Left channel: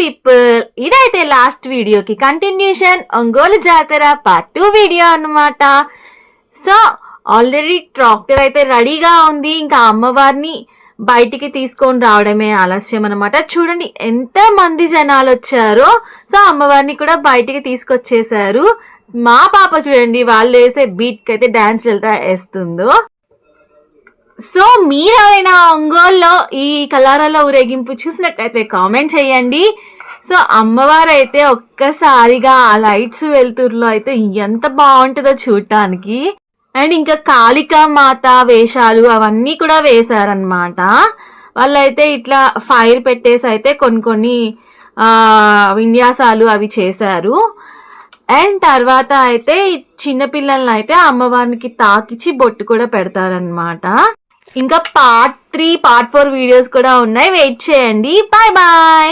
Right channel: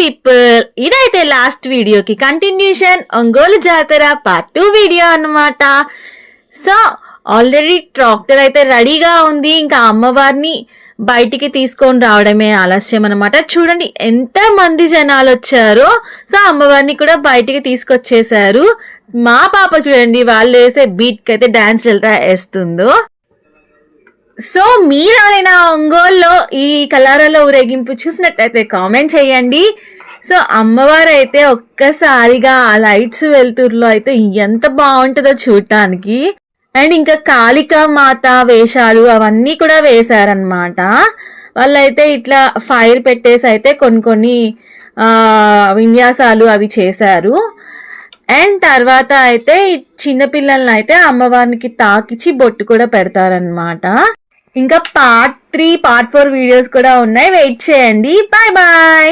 People, ఇదైతే last వీడియోకి continuation, Ongole జాతర పార్ట్ 2 వీడియో అన్నమాట. సో ఆల్రెడీ ట్రాక్టర్ అయితే రెడీగా ఉంది, ఇంకా అమ్మవారిని బయటికి తీసుకొని రావడమే ఆలస్యం అనమాట. చూడండి ఎంత మంది జనాలు వచ్చారో. సో అమ్మవారిని కూడా బయటికి తీసుకొచ్చేసారు. మా పాప చూడండి వాళ్ళు వేసే బీట్కి అయితే డాన్స్ ఎలా వేస్తుందో. సో మీరు ఎవరైనా ఒంగోలులో ఈ కలారాల ఊరేగింపు చూసినట్టయితే కామెంట్ చేయండి. సో అమ్మవారు అయితే ఒక్కసారిగా ఆ లైట్స్ వెలుతురులో అయితే ఎంత బాగుంటుందో చూడటానికి. అండ్ ఇంకా కాళికా మాత వేషాలు అవన్నీ కూడా వేశారనమాట. వాళ్ళైతే ఇట్లా ఫైర్ పెట్టేసి అయితే కొన్ని విన్యాసాలు అవి చేశారు. అండ్ తర్వాత అయితే చిన్నపిల్లల్ని అయితే అమ్మవారికి తాకిచ్చి బొట్టు కూడా పెడతారనమాట. ఇంకా పార్ట్ 3 పార్ట్ 4 వీడియోస్ కూడా ఉన్నాయి, వెయిట్ చేయండి. Bye bye.